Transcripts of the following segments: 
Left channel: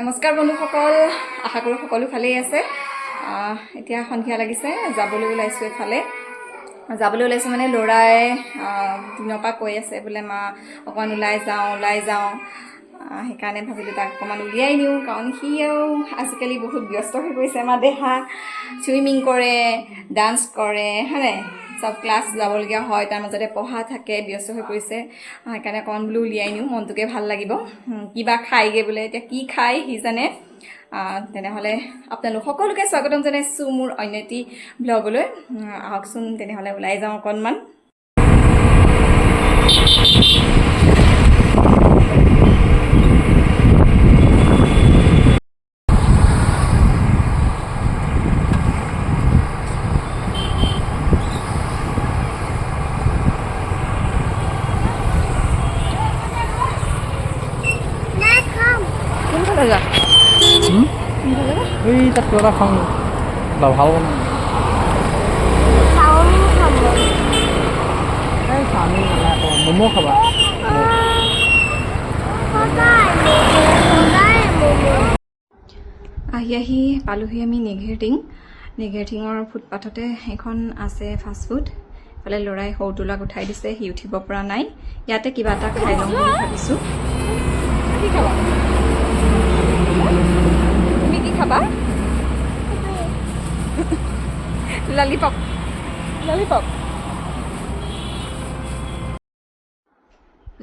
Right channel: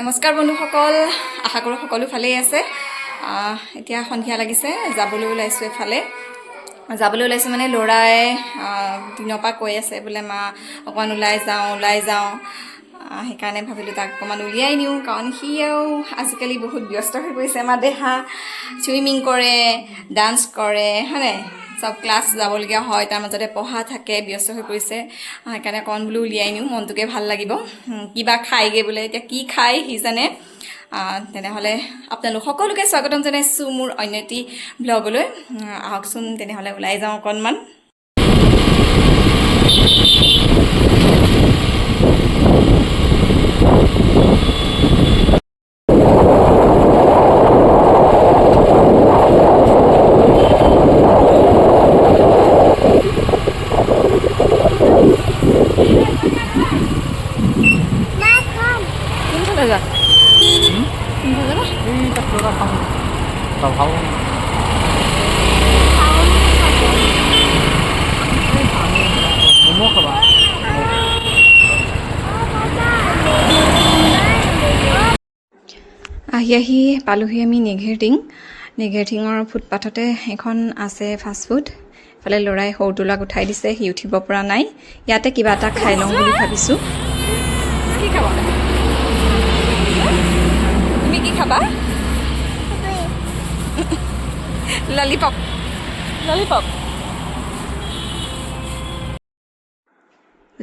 নমস্কাৰ বন্ধুসকল, আশা কৰোঁ সকলো ভালেই আছে। এতিয়া সন্ধিয়া লাগিছে, যাবলৈ ওলাইছোঁ এফালে। যাবলৈ ওলাইছোঁ মানে ল'ৰাই দিনৰ পৰা কৈ আছে বোলে মা অকণমান ওলাই যাওঁ। সেইকাৰণে ভাবিলোঁ তাক অকণমান উলিয়াই নিওঁ, কাৰণ সিও আজিকালি বহুত ব্যস্ত হৈ পৰিছে। আমাৰ দেহা চুইমিং কৰে, ডান্স কৰে, হয়নে, চব ক্লাছ যাবলগীয়া হয়, তাৰ মাজতে পঢ়া থাকে, ব্যস্ত হৈ পৰিছে। সেইকাৰণে অকণ বোলো উলিয়াই নিওঁ, মনটোকে ভাল লাগিব। কিবা খায়গৈ বোলে, এতিয়া কি খায় সি জানে। তেনেহ'লে আপোনালোক সকলোকে স্বাগতম জনাইছোঁ মোৰ অন্য এটি ব্লগলৈ। আহকচোন তেনেহ'লে ওলাই যাওঁ অকণমান। কোনফালে যা? কোনফালে যাবা? এই তাক কিবা খাম দভাও ম'ম' খাবা। আহি পালোহি আমি নিঘেৰটিঙৰ ফুটপাথতে এখন আছে ফাষ্টফুড। এইফালে ল'ৰাই সৰুটো ল'ৰাক উঠাই দিছে, সি উঠিব পৰা নাই। ইয়াতে কিবা এটা খাই লওঁ বুলি ভাবিছোঁ। কি খাবা তুমি? কি খাবা? ললিপপ।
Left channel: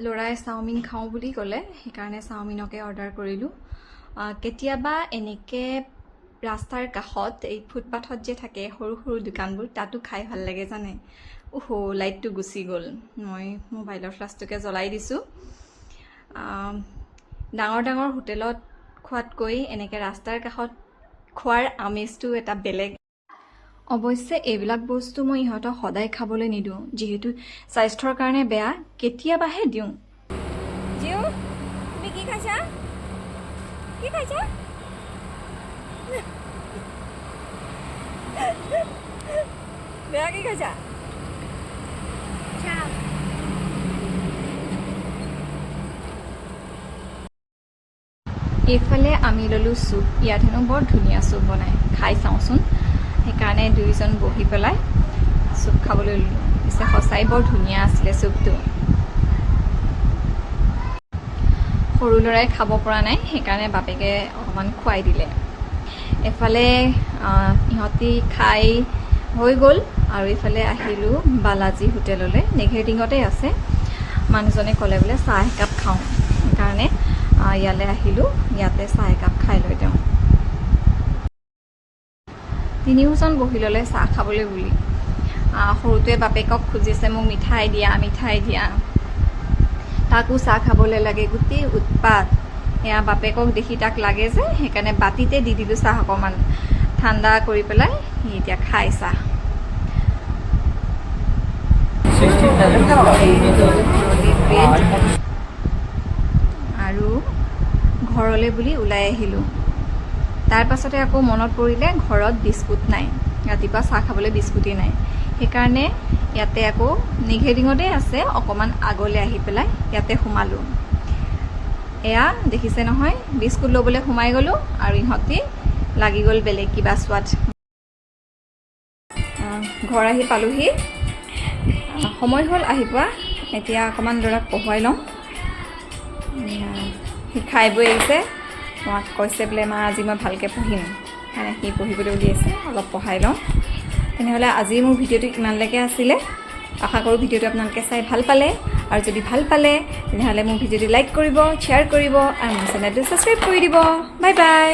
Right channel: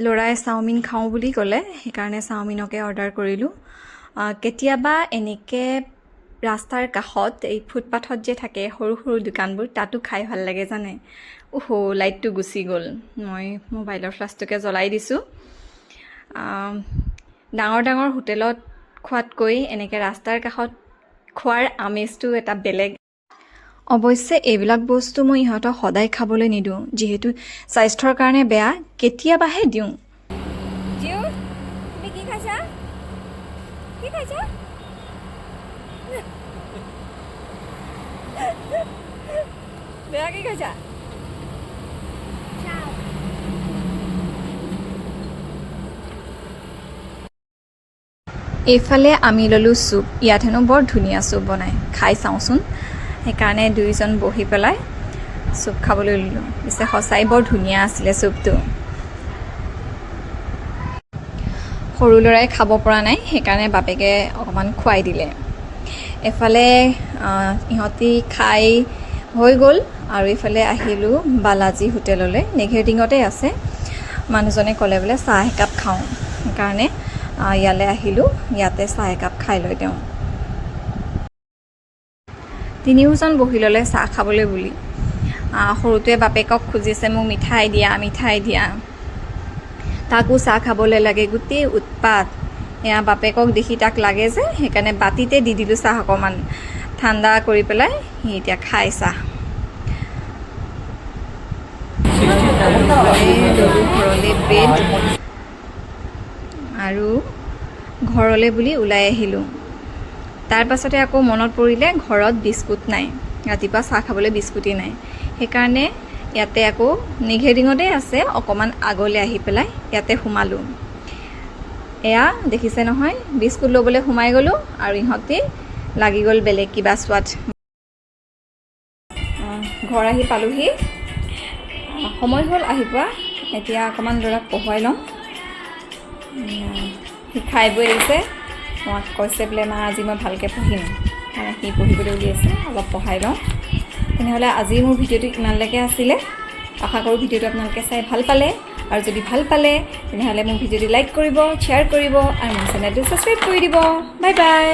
ল'ৰাই চাওমিন খাওঁ বুলি ক'লে, সেইকাৰণে চাওমিনকে অৰ্ডাৰ কৰিলোঁ। কেতিয়াবা এনেকৈ ৰাস্তাৰ কাষত এই ফুটপাথত যে থাকে সৰু সৰু দোকানবোৰ, তাতো খাই ভাল লাগে জানে। লাইটটো গুচি গ'ল, মই মোবাইলৰ ফ্লাছটোকে জ্বলাই দিছোঁ। ডাঙৰ হোটেলত খোৱাতকৈ এনেকৈ ৰাস্তাৰ কাষত খোৱাৰ আমেজটো এটা বেলেগ। অৱশ্যে এইবিলাক বস্তু মই ইহঁতক সদায় খাবলৈ নিদিওঁ, যিহেতু স্বাস্থ্যৰ কাৰণে বেয়া। কেতিয়াবাহে দিওঁ। তুমি কি খাইছা? বেয়া কি খাইছা? এইফালে আমি ল'লোঁ চুপ। ইয়াত হেনো বৰ ধুনীয়া চুপ বনায়, খাই চাওঁচোন। সেইকাৰণে দুয়োজন বহি পেলাই চুপ খাবলৈ ল'লোঁ। পিছে সঁচাই বৰ ধুনীয়া আছিলে চুপটো। সৰু ল'ৰাই খাব পৰা নাই, সেইকাৰণে বাপেকে অকণমান খুৱাই দিলে। এফালে ইহঁতি খাই হৈ গ'ল, আৰু ইফালে আহিলোঁ বালাজী হোটেললৈ। নিঘেৰটিঙতে আছে। মানুহজনে ক'লে বোলে চাহ একাপ খাওঁ, সেইকাৰণে ইয়ালৈ আহিলোঁ। ইয়াতে চাহ একাপ খাই লৈ তেওঁ তিনিওজন বহি ল'লে চাহ খাবলৈ বুলি। সৰুটোৱে বাপেকক খুজিছে মোক মিঠাই দিয়া। তাকো চাহ খাবলৈ লাগে, গোটেই উৎপাত। এয়া বাপেকক দেখি তাক লাগে যে, সেইকাৰণে বাতিতে দি দিলোঁ চাহ অকণমান ঠাণ্ডা কৰি পেলাই। সি এতিয়া খাই চাহ। আৰু ঘৰলৈ বুলি ওলাই আহিলোঁ। তাৰ পাছতে আকৌ মনত পৰিলে ঘৰত বিস্কুট নাই, ৰাতিপুৱা চাহ খাবলৈ বিস্কুটেই নাই। সেইকাৰণে ইয়াতে আকৌ নিঘেৰটিঙতে আছে, অকণমান আগলৈ আহি পেলাই ইয়াতে সোমালোঁ। এয়া দেখিছে নহয়, বিস্কুট ল'বলৈ সোমাই গ'লোঁ আৰু ইহঁতে লাগি গ'ল বেলেগ কিবা চোৱাত। ঘৰ আহি পালোহি, সময় হ'ল আহি পোৱা। এতিয়া অকণমান ল'ৰাক পঢ়ুৱাই লওঁ। সি খাই বৈ আহিছে, মাক কৈছে বোলে মা আজি মই ভালকৈ পঢ়িম, সেইকাৰণে সি পঢ়িবলৈ উলিয়াইছে। অলপ পঢ়াই লওঁ। তেনেহ'লে আজি মোৰ ভিডিঅ'টো ইমানলৈকে আছিলে। আশা কৰোঁ ভিডিঅ'টো আপোনালোকে চাই ভাল পালে, আৰু যদি ভাল পালে তেনেহ'লে মোৰ ভিডিঅ'টো লাইক কৰিব, শ্বেয়াৰ কৰিব, আৰু মোৰ চেনেলটো ছাবস্ক্ৰাইব কৰি দিব। Bye bye.